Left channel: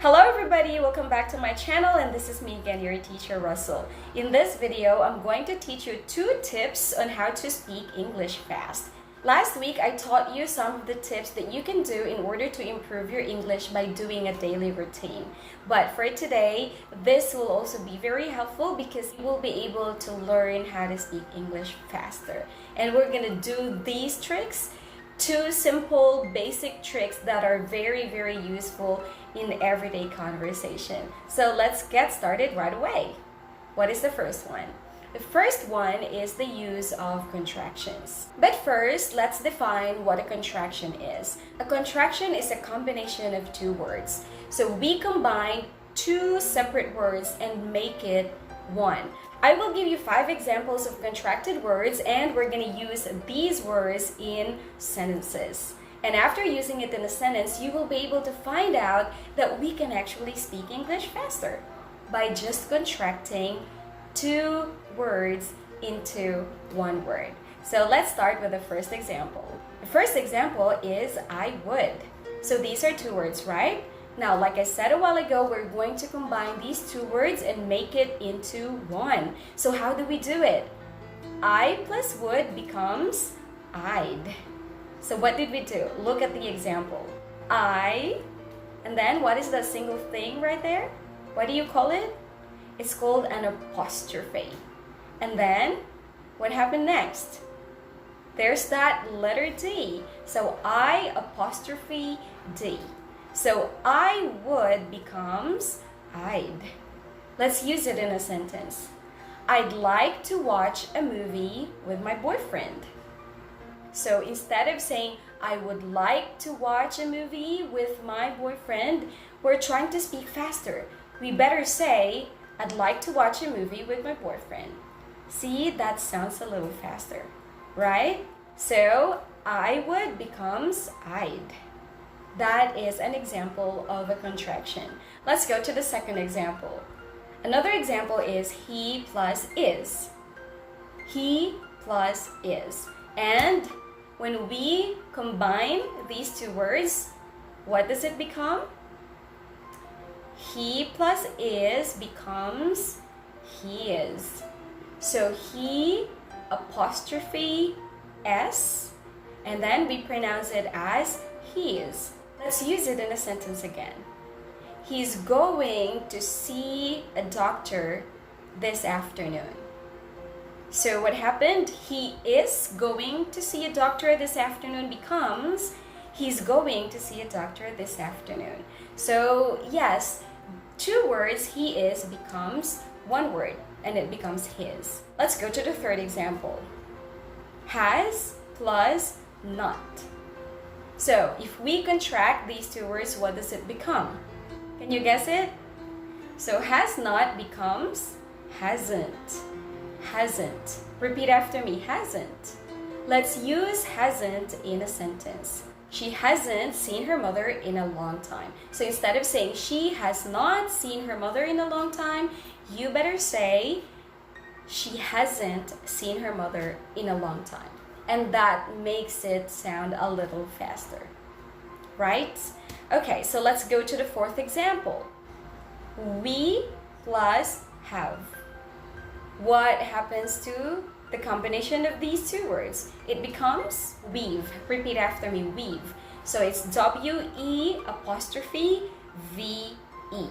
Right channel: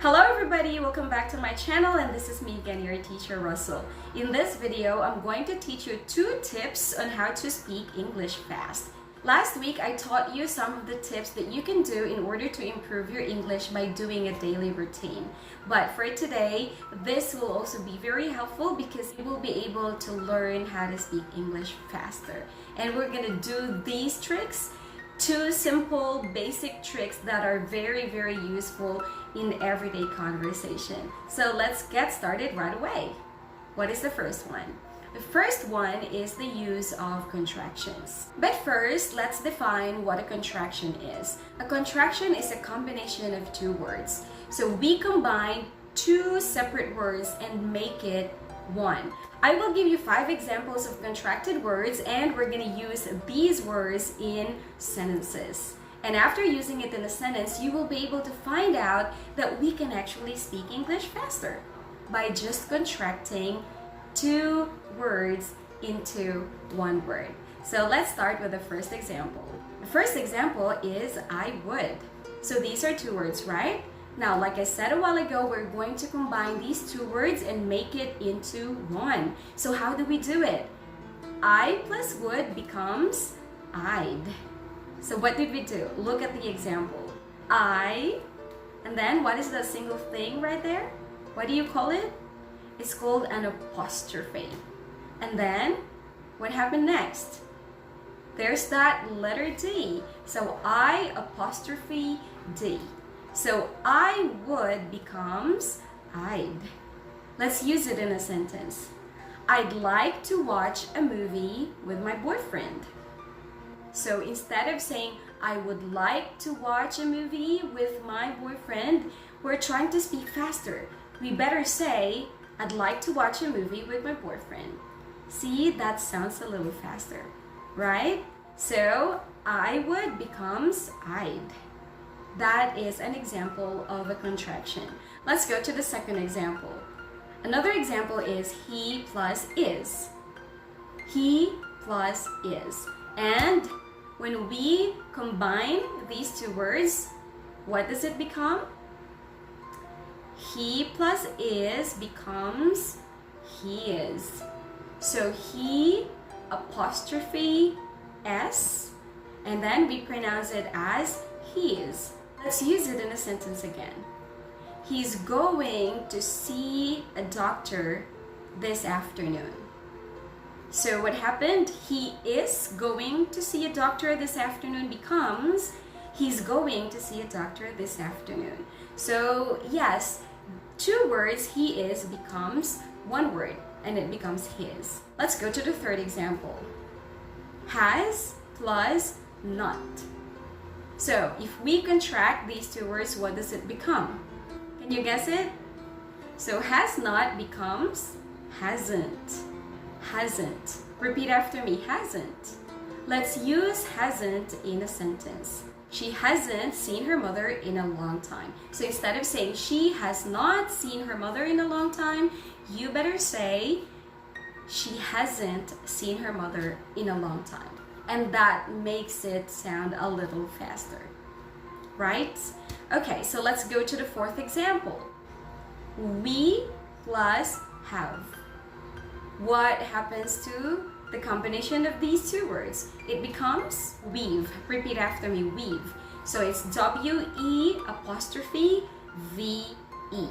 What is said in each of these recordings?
Hello everybody, welcome back to my channel, and this is me again, your teacher Russell. In this video, I'm going to teach you 2 tips on how to speak English fast. Last week, I taught you some of the tips that you can do in order to improve your English by doing a daily routine. But for today, this will also be very helpful because you will be able to learn how to speak English faster. And we're gonna do these tricks, 2 simple basic tricks that are very useful in everyday conversation. So let's get started right away. What is the first one? The first one is the use of contractions. But first, let's define what a contraction is. A contraction is a combination of 2 words. So we combine 2 separate words and make it one. I will give you 5 examples of contracted words, and we're going to use these words in sentences. And after using it in a sentence, you will be able to find out that we can actually speak English faster by just contracting 2 words into 1 word. So let's start with the first example. The first example is I would. So these are 2 words, right? Now, like I said a while ago, we're going to combine these 2 words and make it into 1. So how do we do it? I plus would becomes I'd. So what did we do? Look at the example. I, and then what is that single thing right there? What do you call it? It's called an apostrophe. And then, what happened next? There's that letter D. So I apostrophe D. So I would becomes I'd. Let's use it in a sentence. I'd like to watch a movie with my boyfriend. So instead of saying, I would like to watch a movie with my boyfriend, we're trying to speak faster. We better say, I'd like to watch a movie with my boyfriend. See, that sounds a little faster, right? So, I would becomes I'd. That is an example of a contraction. Let's go to the second example. Another example is he plus is. He plus is. And when we combine these 2 words, what does it become? He plus is becomes he is. So he apostrophe s, and then we pronounce it as he is. Let's use it in a sentence again. He's going to see a doctor this afternoon. So what happened? He is going to see a doctor this afternoon becomes he's going to see a doctor this afternoon. So yes, 2 words he is becomes 1 word and it becomes his. Let's go to the third example. Has plus not. So if we contract these 2 words, what does it become? Can you guess it? So has not becomes hasn't. Hasn't. Repeat after me, hasn't. Let's use hasn't in a sentence. She hasn't seen her mother in a long time. So instead of saying she has not seen her mother in a long time, you better say she hasn't seen her mother in a long time. And that makes it sound a little faster, right? Okay, so let's go to the 4th example. We plus have. What happens to the combination of these 2 words? It becomes weave. Repeat after me, weave. So it's W-E apostrophe V-E.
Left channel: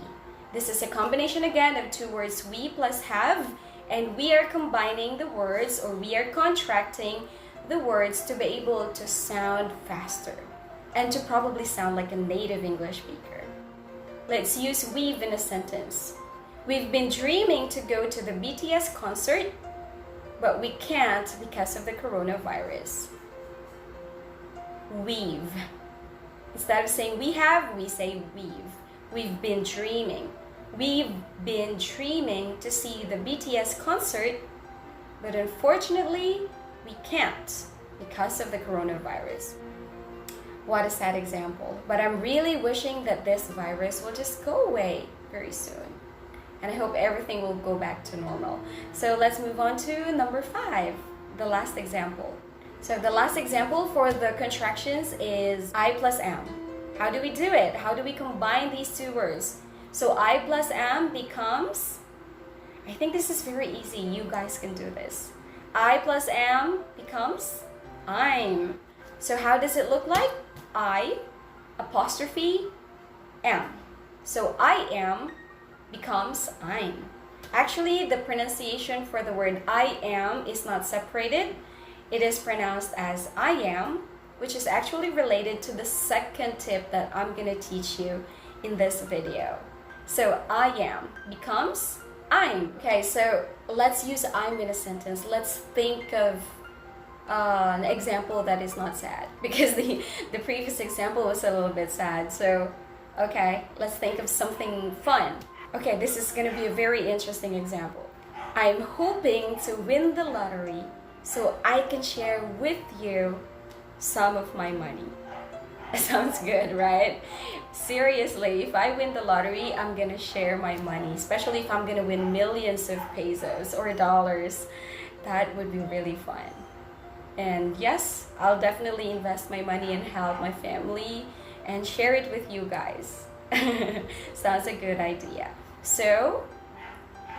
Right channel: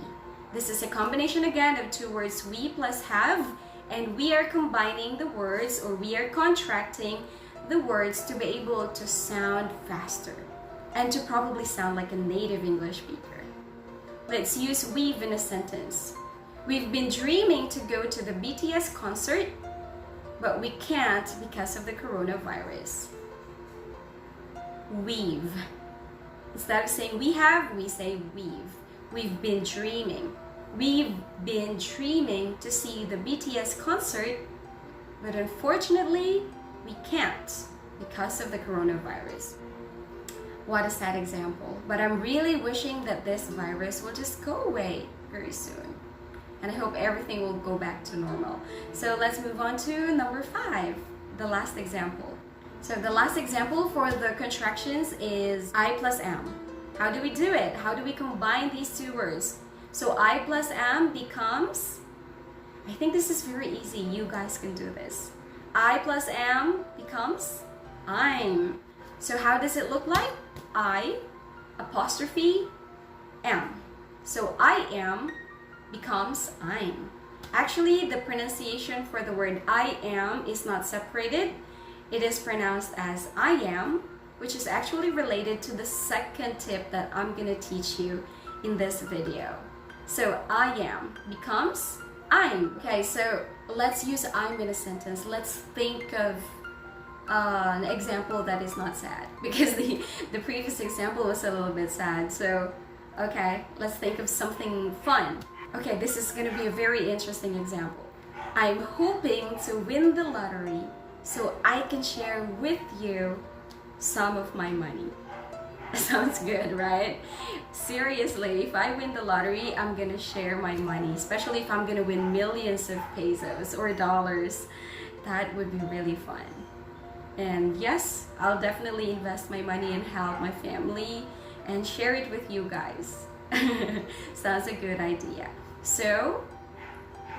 This is a combination again of 2 words, we plus have, and we are combining the words, or we are contracting the words to be able to sound faster and to probably sound like a native English speaker. Let's use weave in a sentence. We've been dreaming to go to the BTS concert, but we can't because of the coronavirus. Weave. Instead of saying we have, we say we've. We've been dreaming. We've been dreaming to see the BTS concert, but unfortunately, we can't because of the coronavirus. What a sad example. But I'm really wishing that this virus will just go away very soon. And I hope everything will go back to normal. So let's move on to number 5, the last example. So the last example for the contractions is I plus am. How do we do it? How do we combine these two words? So I plus am becomes, I think this is very easy. You guys can do this. I plus am becomes I'm. So how does it look like? I apostrophe am. So I am becomes I'm. Actually, the pronunciation for the word I am is not separated. It is pronounced as I am, which is actually related to the second tip that I'm going to teach you in this video. So I am becomes I'm. Okay, so let's use I'm in a sentence. Let's think of an example that is not sad, because the previous example was a little bit sad. So, okay, let's think of something fun. Okay, this is going to be a very interesting example. I'm hoping to win the lottery so I can share with you some of my money. Sounds good, right? Seriously, if I win the lottery, I'm gonna share my money, especially if I'm gonna win millions of pesos or dollars. That would be really fun. And yes, I'll definitely invest my money and help my family and share it with you guys. Sounds a good idea. So,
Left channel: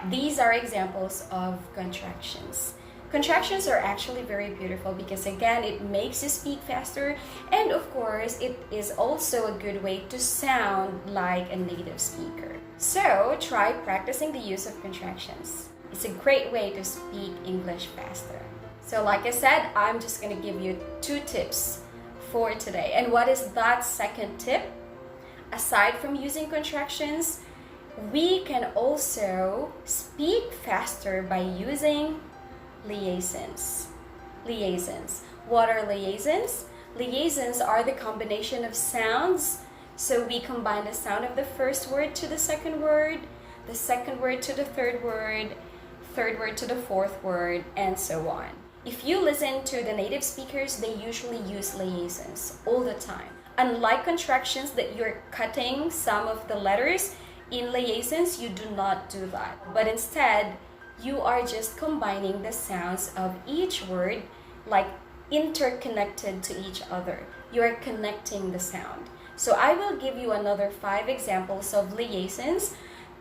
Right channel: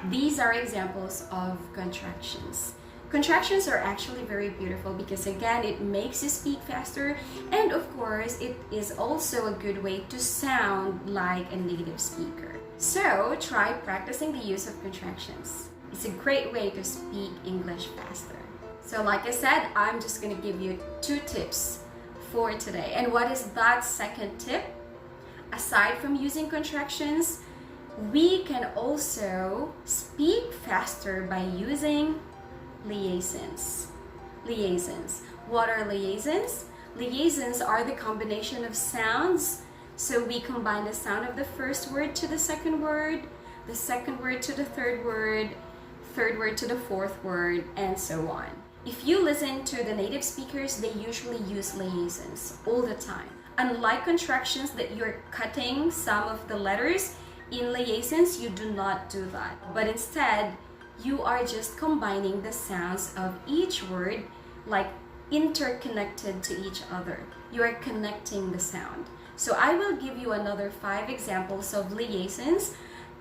these are examples of contractions. Contractions are actually very beautiful because again, it makes you speak faster, and of course, it is also a good way to sound like a native speaker. So try practicing the use of contractions. It's a great way to speak English faster. So like I said, I'm just going to give you 2 tips for today. And what is that second tip? Aside from using contractions, we can also speak faster by using liaisons. Liaisons. What are liaisons? Liaisons are the combination of sounds. So we combine the sound of the first word to the second word to the third word to the fourth word, and so on. If you listen to the native speakers, they usually use liaisons all the time. Unlike contractions that you're cutting some of the letters, in liaisons you do not do that. But instead, you are just combining the sounds of each word, like interconnected to each other. You are connecting the sound. So I will give you another 5 examples of liaisons,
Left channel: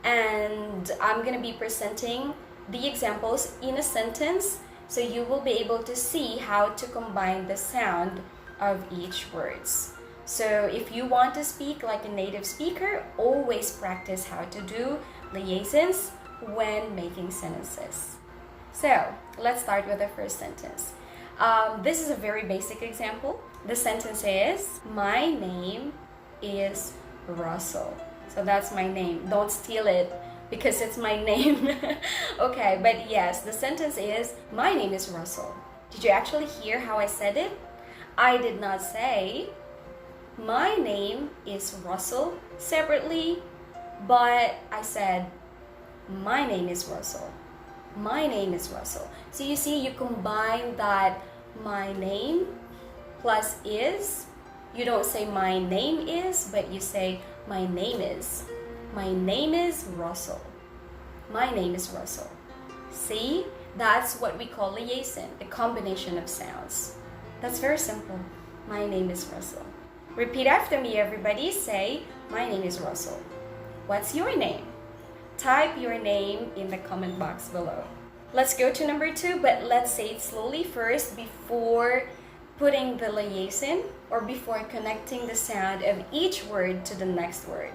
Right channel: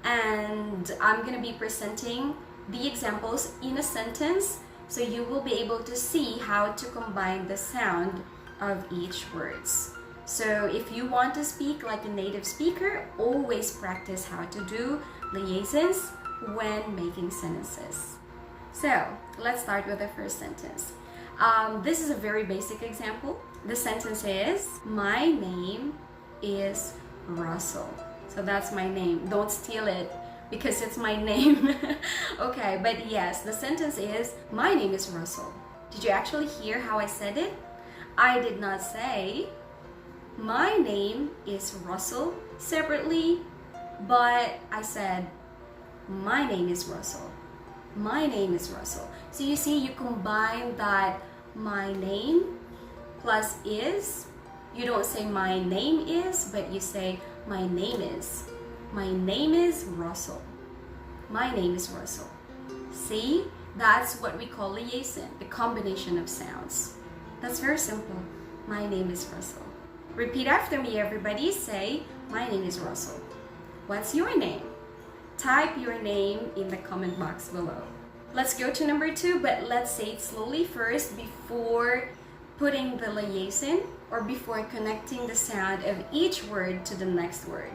and I'm going to be presenting the examples in a sentence, so you will be able to see how to combine the sound of each words. So if you want to speak like a native speaker, always practice how to do liaisons when making sentences. So let's start with the first sentence. This is a very basic example. The sentence is, my name is Russell. So that's my name. Don't steal it because it's my name. Okay, but yes, the sentence is, my name is Russell. Did you actually hear how I said it? I did not say, my name is Russell separately, but I said, my name is Russell. My name is Russell. So you see, you combine that my name plus is. You don't say my name is, but you say my name is. My name is Russell. My name is Russell. See, that's what we call liaison, the combination of sounds. That's very simple. My name is Russell. Repeat after me, everybody. Say, my name is Russell. What's your name? Type your name in the comment box below. Let's go to number 2, but let's say it slowly first before putting the liaison or before connecting the sound of each word to the next word.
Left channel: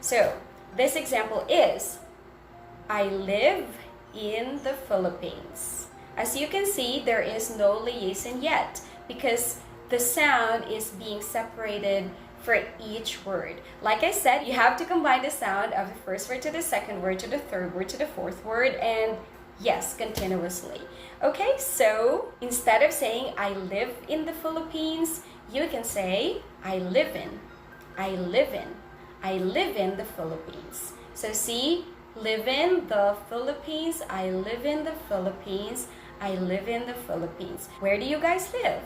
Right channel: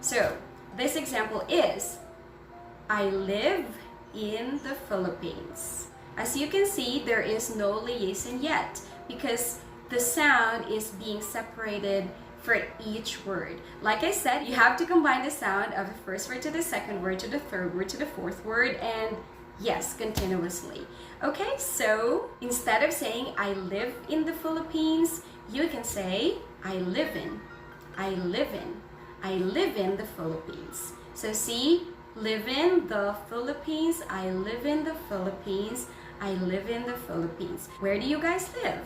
So, this example is, I live in the Philippines. As you can see, there is no liaison yet because the sound is being separated for each word. Like I said, you have to combine the sound of the first word to the second word to the third word to the fourth word, and yes, continuously. Okay, so instead of saying I live in the Philippines, you can say I live in the Philippines. So see, live in the Philippines, I live in the Philippines, I live in the Philippines. Where do you guys live?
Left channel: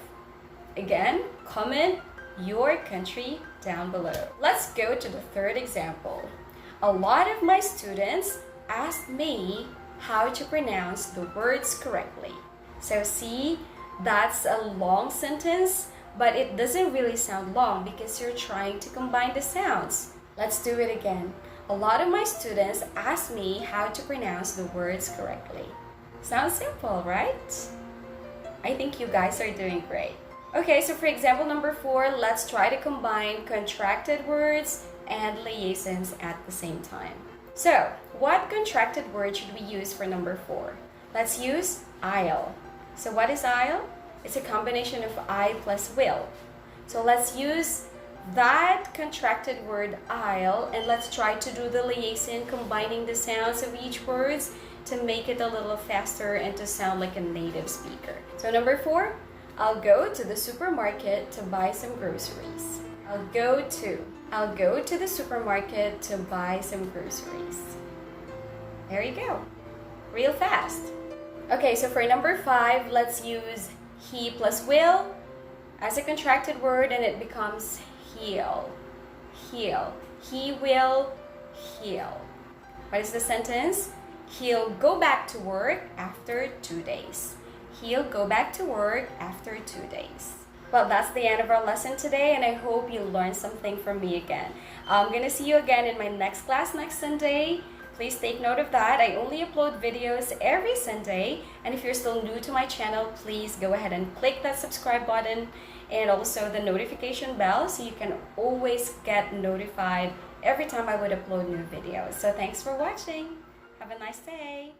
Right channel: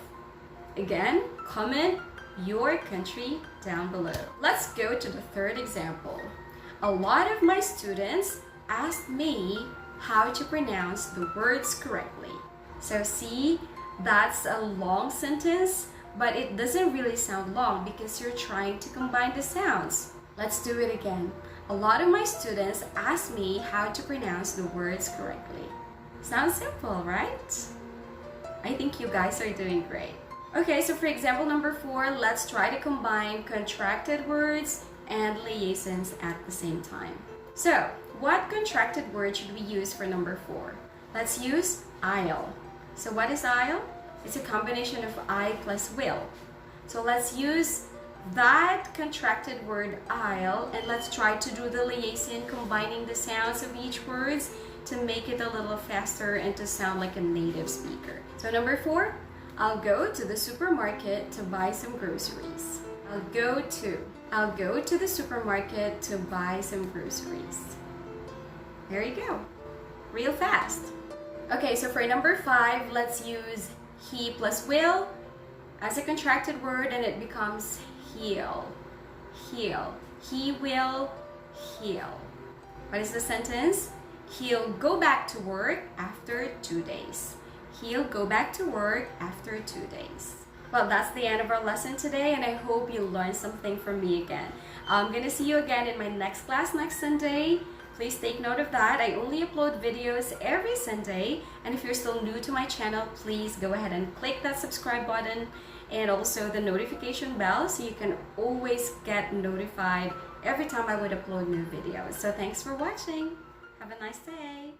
Again, comment your country down below. Let's go to the third example. A lot of my students asked me how to pronounce the words correctly. So see, that's a long sentence, but it doesn't really sound long because you're trying to combine the sounds. Let's do it again. A lot of my students ask me how to pronounce the words correctly. Sounds simple, right? I think you guys are doing great. Okay, so for example number 4, let's try to combine contracted words and liaisons at the same time. So, what contracted word should we use for number 4? Let's use I'll. So what is I'll? It's a combination of I plus will. So let's use that contracted word I'll, and let's try to do the liaison combining the sounds of each word to make it a little faster and to sound like a native speaker. So number 4, I'll go to the supermarket to buy some groceries. I'll go to the supermarket to buy some groceries. There you go. Real fast. Okay, so for number 5, let's use he plus will as a contracted word, and it becomes heal. Heal. He will heal. What is the sentence? He'll go back to work after 2 days. He'll go back to work after 2 days. Well, that's the end of our lesson today, and I hope you learned something from me again. I'm going to see you again in my next class next Sunday. Please take note of that. I only upload videos every Sunday, and if you're still new to my channel, please go ahead and click that subscribe button and also the notification bell so you can always get notified every time I would upload new videos. So thanks for watching. Have a nice day.